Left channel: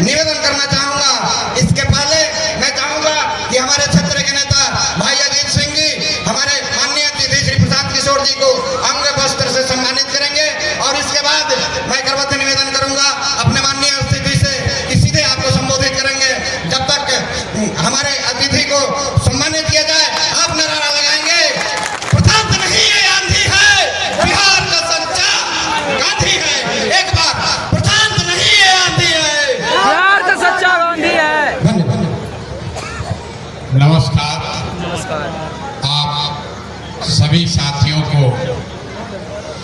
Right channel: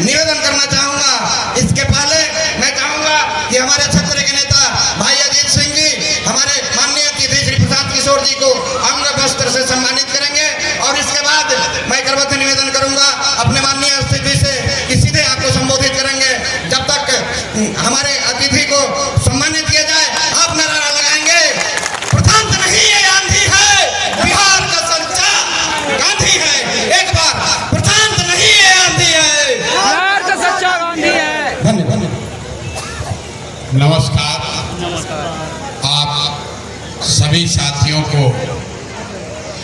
निवेदन करना चाहूंगा। इसके पहले मैं चाहूंगा कि हमारे क्षेत्र के नेता भाई अजीत सिंह जी हमारे माननीय अतिथि श्री प्रसाद किशोर जी को अंग वस्त्र से सम्मानित करेंगे और इसके बाद मैं करवत निवेदन करूंगा अपने माननीय अतिथि से कि सीधे आपको संबोधित करेंगे। जब तक हमारे अतिथि को सम्मानित किया जाए आप नारा लगाएंगे, प्रशांत नहीं है आंधी है, बिहार का सच्चा गांधी है। एक बार प्रशांत नहीं है आंधी है, बिहार का सच्चा गांधी है। धन्यवाद। नमस्कार। आप सभी साथियों को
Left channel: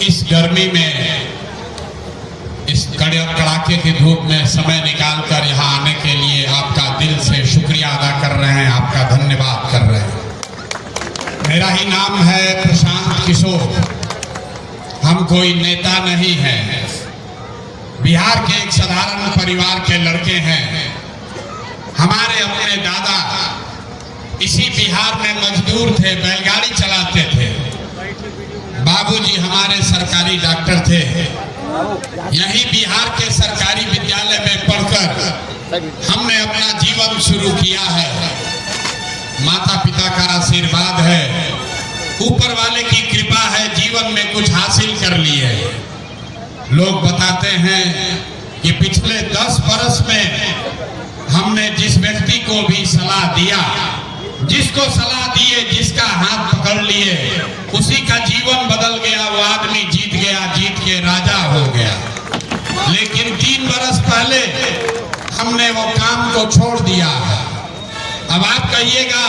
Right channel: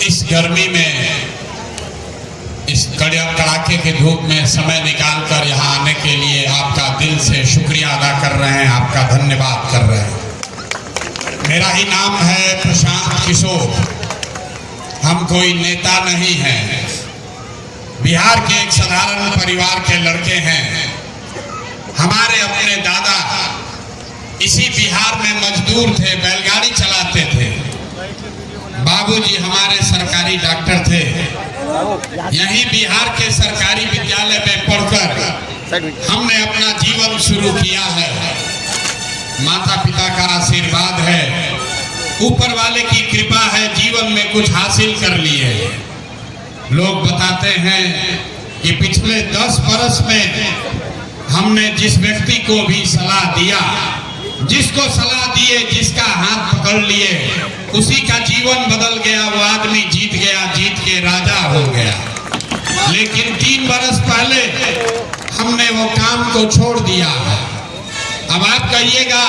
इस गर्मी में, इस कड़ाके के धूप में समय निकालकर यहाँ आने के लिए आपका दिल से शुक्रिया अदा कर रहे हैं, आपका धन्यवाद कर रहे हैं। मेरा ही नाम है प्रशांत किशोर। हम कोई नेता नहीं हैं, बिहार के एक साधारण परिवार के लड़के हैं। हमारे अपने दादा इसी बिहार में मजदूर थे, बैलगाड़ी चलाते थे। बाबूजी हमारे सरकारी डॉक्टर थे। यही बिहार के सरकारी विद्यालय में पढ़कर हमने अपना जीवन शुरू किया है। माता पिता का आशीर्वाद है, ऊपर वाले की कृपा है, जीवन में कुछ हासिल कर लिए। लोग बताते हैं कि पिछले 10 बरस में हमने जिस व्यक्ति को भी सलाह दिया, जिसको सलाह दिए, जिसका हाथ पकड़ लिए, उसी का जीवन बदल गया। वो आदमी जीत गया, जीत के राजा हो गया। लेकिन 3 बरस पहले हमने वो काम को छोड़ दिया है। अब आप कहिएगा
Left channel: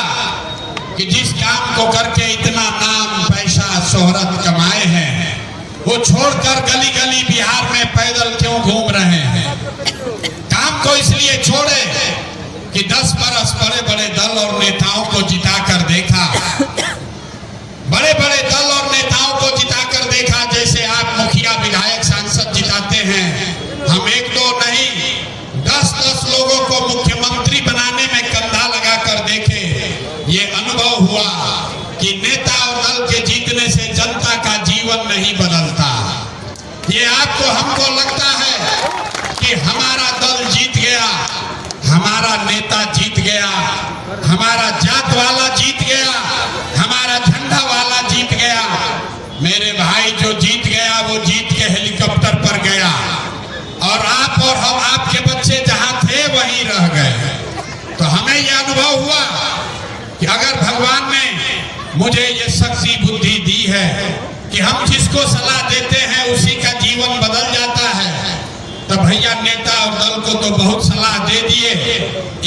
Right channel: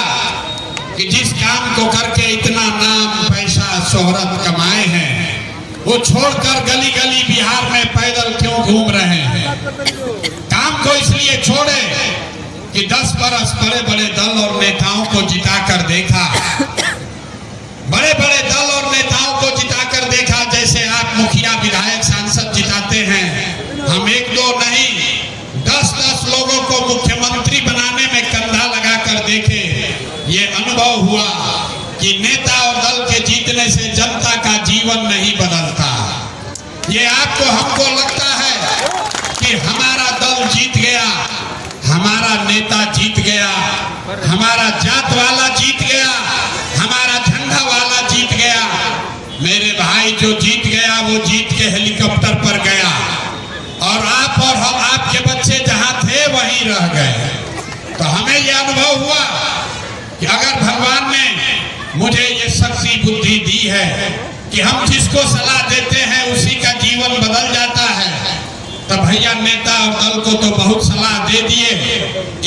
कि जिस काम को करके इतना नाम, पैसा, शोहरत कमाए हैं, वो छोड़कर गली गली बिहार में पैदल क्यों घूम रहे हैं? काम को इसलिए छोड़े कि 10 बरस बड़े बड़े दल और नेताओं को जिताकर देखा, बड़े बड़े दल और नेताओं को जिताकर देखा। जैसे आप मुखिया, विधायक, सांसद जिताते हैं, हम 1-2 नहीं 10-10 लोगों को मुख्यमंत्री बनाने में कंधा लगाकर देखे। ये अनुभव हुआ कि नेता और दल के जीतने से जनता का जीवन नहीं बदलता। ये आपको, हमको लगता है कि हमारा दल जीत गया, हमारा नेता जीत गया, हमारा जात वाला जीत गया, हमारा झंडा वाला जीत गया। मेरे भाई जो जीत गया वो जीत के हेलीकॉप्टर पर गया और आप और हम, आपके बच्चे जहां थे वहीं रह गए। तो हमें यह अनुभव हुआ कि अगर भगवान ने मुझे ये शक्ति बुद्धि दी है कि हम जिसको सलाह देते हैं उसी का जीवन बदल जाता है, तो भैया नेता और दल को तो बहुत सलाह दे दिए।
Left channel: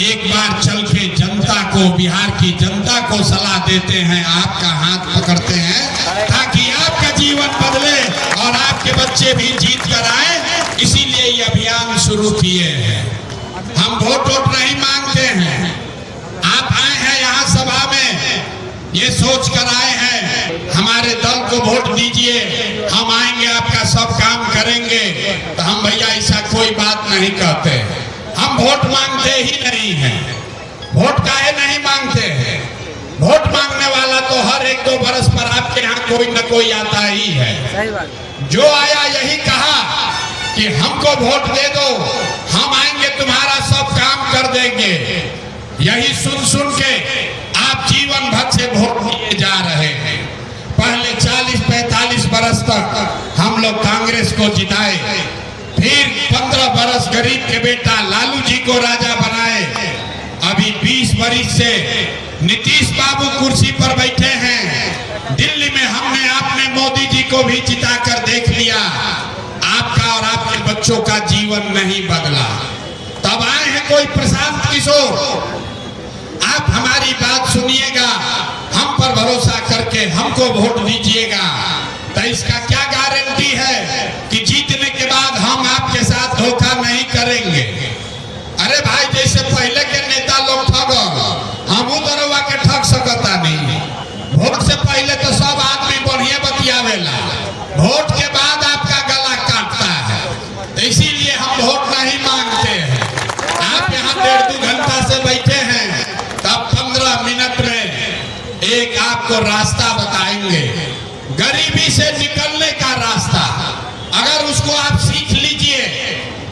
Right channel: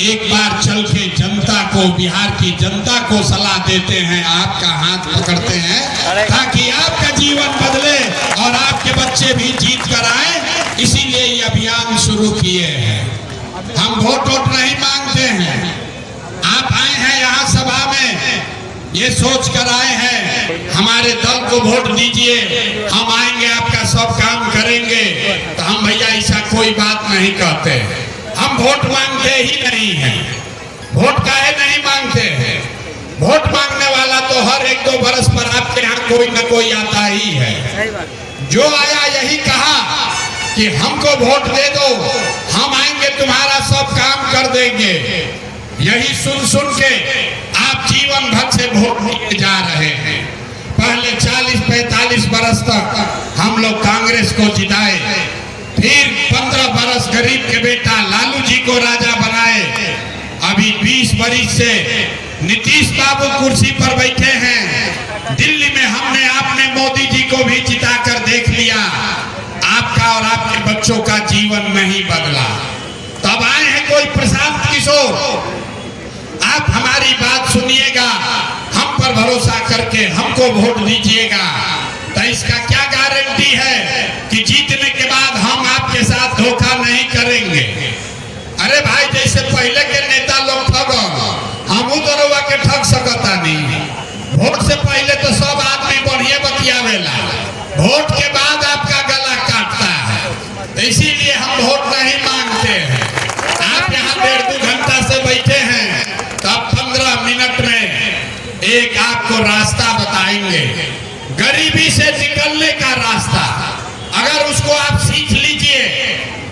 एक बार चल के जनता को, बिहार की जनता को सलाह देते हैं, आपका हाथ पकड़ते हैं ताकि आपका जीवन बदले और आपके बच्चे भी जीत कर आए। इसीलिए ये अभियान शुरू किए हैं। हम वोट नहीं मांगते हैं। आप आए हैं यहाँ सभा में, ये सोच कर आए हैं हमारे दल को वोट दीजिए, हम आएंगे, आपका सब काम करेंगे। तो हम भैया ऐसा कोई बात नहीं कहते। हम वोट मांगते ही नहीं हैं। वोट काहे नहीं मांगते हैं? वोट मांगने वाला तो हर 1-2 बरस पर आपके यहाँ कोई न कोई आता ही है। जो आया यही कहा कि हमको वोट दे दो, हम आएंगे, तुम्हारा सब काम कर देंगे। यही सुन सुन के आप जीवन भर से वोट लिए जा रहे हैं। पहले 40-45 बरस तक हम लोग कांग्रेस को जिताए, फिर 15 बरस गरीब के बेटा लालू जी को राजा बनाए। अभी 20 बरस से नीतीश बाबू कुर्सी पर बैठे हैं। दिल्ली में हमने, आपने मोदी जी को भी जिताकर देख लिया। आपका और आपके बच्चों का जीवन नहीं बदला। तब आए हैं कोई प्रशांत किशोर। आप हमारी बात सुनिएगा, हम पर भरोसा करके हमको वोट दीजिएगा। तो इसका क्या गारंटी है कि जीतने के बाद हम आपके साथ धोखा नहीं करेंगे? अरे भाई, जैसे पहले के नेता लोग ठग, हम तो के ठग सकता नहीं। वोट से पहले तो सब आदमी बढ़िया बतियावेला, वोट के बाद आपका गला काटता है। तो इसीलिए हम वोट नहीं मांगते हैं। आप यहाँ 1.5-2 घंटा से बैठे हैं, तब 15 मिनट में एक आपको रास्ता बताएंगे, गरीबी से निकलने का रास्ता। अगर उसको आप सीख लीजिए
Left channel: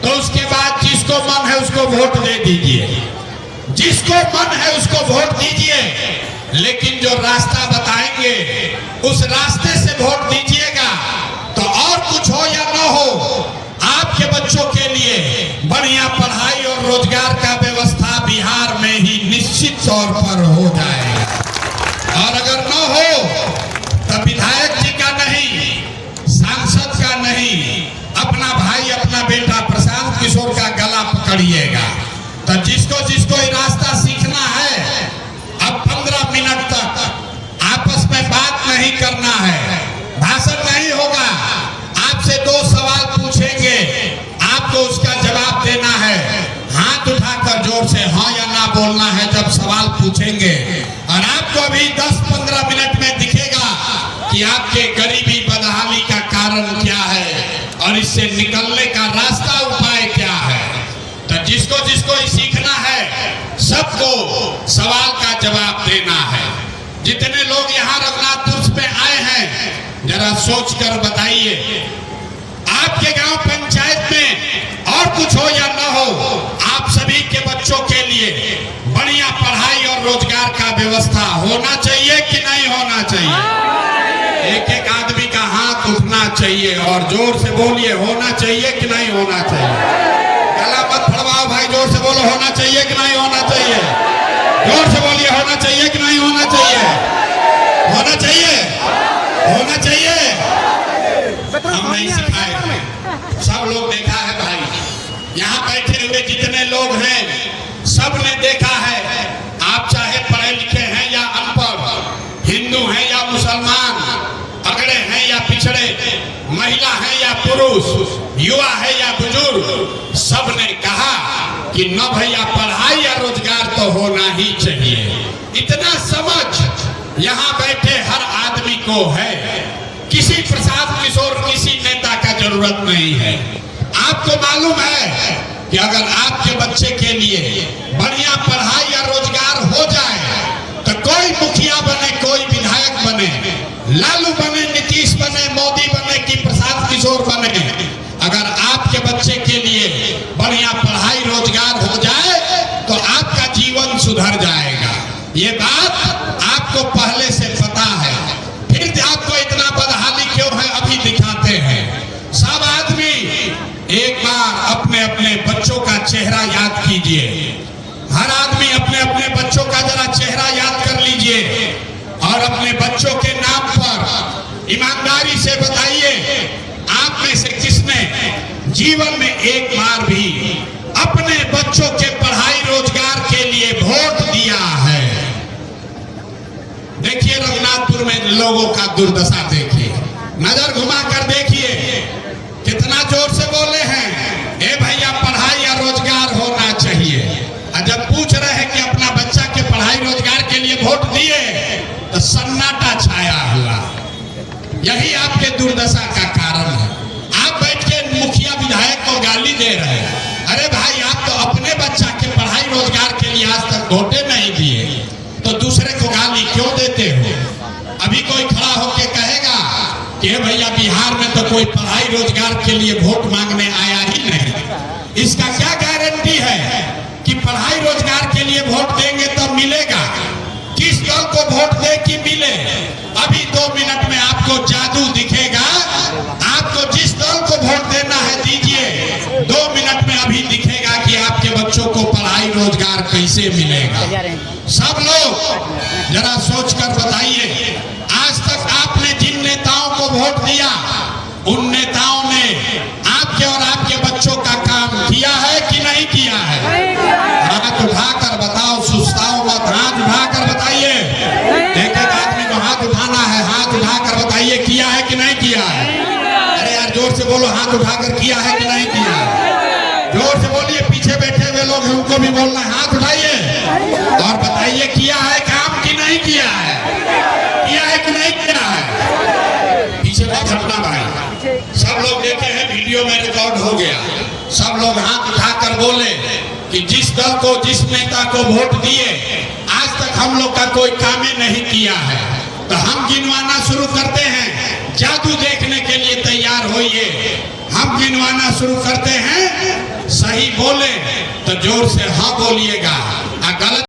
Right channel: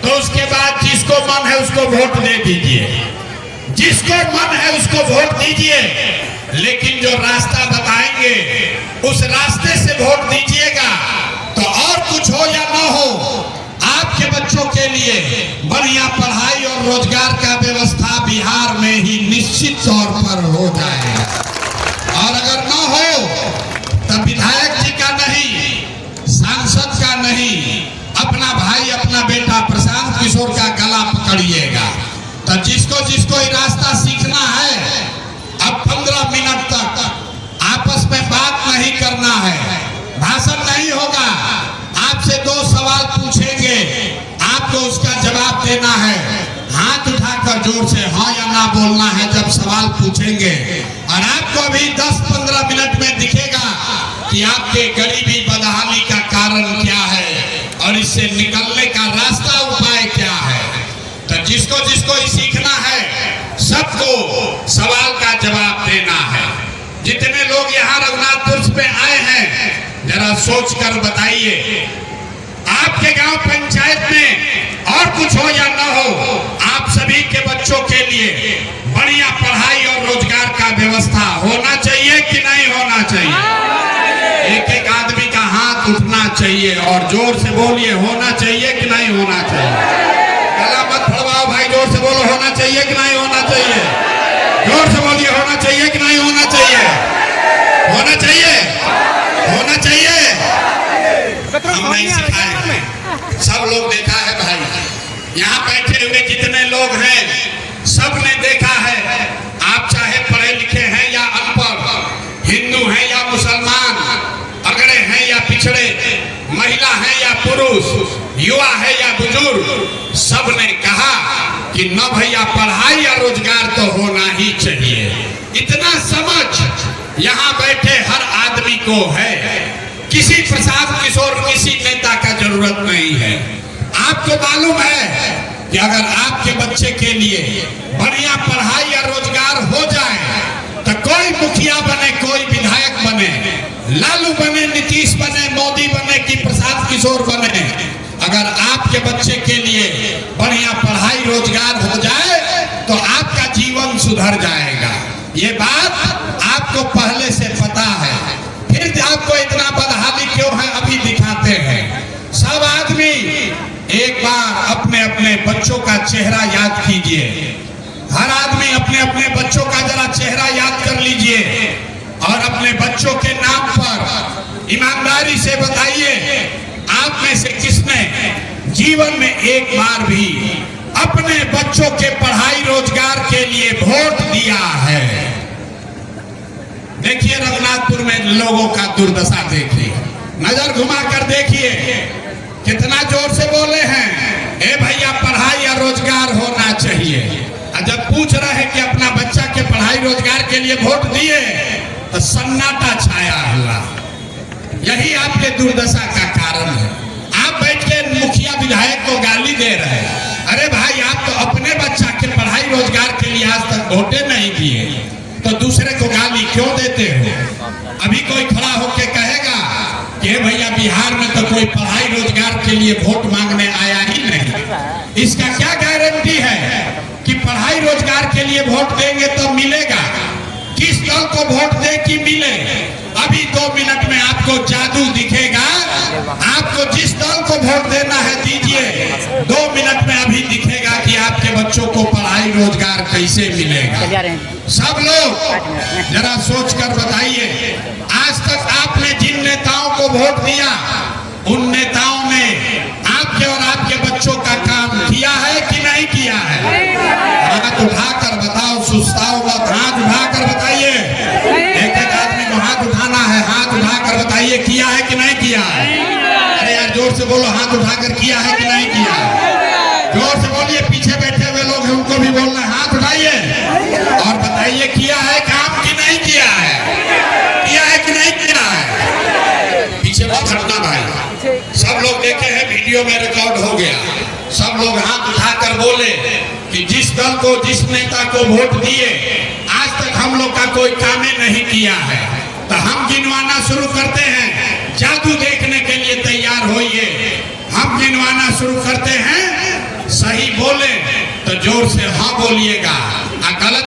तो उसके बाद जिसको मन है उसको वोट दे दीजिए, जिसको मन है उसको वोट दीजिए, लेकिन जो रास्ता बताएंगे उस रास्ते से वोट दीजिएगा। तो और कुछ हो या न हो, आपके बच्चों के लिए बढ़िया पढ़ाई और रोजगार का व्यवस्था बिहार में ही निश्चित तौर पर हो जाएगा। और अगर न हो तो विधायक जी का नहीं, सांसद का नहीं, अपना भाई अपना बेटा प्रशांत किशोर का गला पकड़िएगा। तो जिसको जिसको ये रास्ता सीखना है, अब 15 मिनट तक आपस में बात नहीं करना है, भाषण नहीं होगा, आपसे 2 सवाल पूछेंगे, आपको उसका जवाब देना है। हाथ उठाकर जोर से हाँ या ना बोलना है जब सवाल पूछेंगे। और आपको अभी 10-15 मिनट में दिखेगा कि आपके गरीबी बदहाली का कारण क्या है और इससे निकलने का रास्ता उपाय क्या है। तो जिसको जिसको सीखना है, सबको सवाल का जवाब देना है। जितने लोग यहाँ रघुनाथपुर में आए हैं, जरा सोच कर बताइए, आपके गांव पंचायत में और कुछ हो या न हो, आप सभी के बच्चों के लिए बढ़िया पढ़ाई और रोजगार का व्यवस्था होना चाहिए कि नहीं होना चाहिए? एक एक आदमी का हाथ उठना चाहिए और जोर से बोलिए, होना चाहिए कि नहीं होना चाहिए? गला मत फड़वाओ भाई, जोर से बोलो, होना चाहिए कि नहीं होना चाहिए? जोर से बोलिए, होना चाहिए कि नहीं होना चाहिए? होना चाहिए, होना चाहिए। हम नहीं सिखाए, सब लोग देखा है भाई, यहाँ बैठे हुए जितने लोग हैं सब ने देखा है। आप चाहे पढ़े लिखे हैं या अनपढ़, हिंदू हैं या मुसलमान, अगड़े हैं या पिछड़े, महिला है या पुरुष, युवा है या बुजुर्ग, सब ने कहा कि न भैया पढ़ाई या रोजगार तो होना ही चाहिए। इतना समझ यहाँ बैठे हर आदमी को है। किसी प्रशांत किशोर, किसी नेता का जरूरत नहीं है। आपको मालूम है कि अगर आपके बच्चे के लिए बढ़िया पढ़ाई या रोजगार हो जाए तो कोई मुखिया बने, कोई विधायक बने, लालू बने, नीतीश बने, मोदी बने कि प्रशांत किशोर बने, अगर आपके बच्चे के लिए बढ़िया पढ़ाई रोजगार हो जाए तो आपका जीवन सुधर जाएगा। ये बात आपको पहले से पता है, फिर आपको इतना बदहाली क्यों है अभी दिखाते हैं। सब आदमी एक बार अपने अपने बच्चों का चेहरा याद कीजिए, हर आदमी अपने अपने बच्चों का जरा चेहरा याद कर लीजिए और अपने बच्चों के नाम पर ईमानदारी से बताइए, आप में से किसने जीवन में एक बार भी अपने बच्चों के पढ़ाई रोजगार के लिए वोट दिया है? देखिए रघुनाथपुर में लोगों का दुर्दशा देखिए, नजर घुमा कर देखिए, कितना जोर से बोले हैं, ए भैया पढ़ाई या रोजगार होना चाहिए। और जब पूछ रहे हैं कि अपना बच्चा के पढ़ाई रोजगार के लिए वोट दिए तो सन्नाटा छाया हुआ। यही आपके दुर्दशा का कारण है। आप बैठ के मुखिया विधायक को गाली दे रहे हैं। अरे भाई, आप तो अपने बच्चा के पढ़ाई रोजगार के लिए आज तक वोटे नहीं दिए, तो दूसरे को गाली क्यों देते हो? अभी कोई खड़ा होके कहेगा कि भैया बिहार में तो कोई पढ़ाई रोजगार के लिए वोट मांगने आया ही नहीं। इसका क्या गारंटी है कि पढ़ाई रोजगार के लिए वोट देंगे तो मिलेगा? किस दल को वोट दे कि मिले? अभी 2 मिनट में आपको जादू दिखेगा। आपको जिस दल को वोट देना है दीजिए, 2 मिनट में अभी दिखेगा कि आपके बच्चों को पढ़ाई रोजगार कैसे मिलेगा। सब लोग जरा सोच कर बताइए, आज तक आपने जिन नेताओं को वोट दिया, उन नेताओं ने आपके और आपके बच्चों का काम किया है कि नहीं किया है? हाथ उठाकर बताओ, सुस्ताओ मत, हाथ उठाकर बताइए। एक एक आदमी को हाथ उठाना है, हाथ उठाकर बताइए किया है कि नहीं किया है? अरे यार जोर से बोलो, हाथ उठाकर किया है कि नहीं किया है? जोर से बोलिए, पीछे बैठे हुए लोग हैं उनको भी बोलना है, हाथ उठाइए और बताइए किया है काम कि नहीं किया है? किया है कि नहीं किया है? पीछे बात हटना भाई, सब लोग देखे हैं, वीडियो में रिकॉर्ड हो गया। सब लोग हाथ उठाकर बोले कि जिस दल को, जिस नेता को वोट दिए, आज तक हम लोग का कोई काम नहीं किया है। तो हम गिनवाना शुरू करते हैं, जादू देखने के लिए तैयार होइए। हम गिनवाना शुरू करते हैं, सही बोले तो जोर से हाँ बोलिएगा, गलत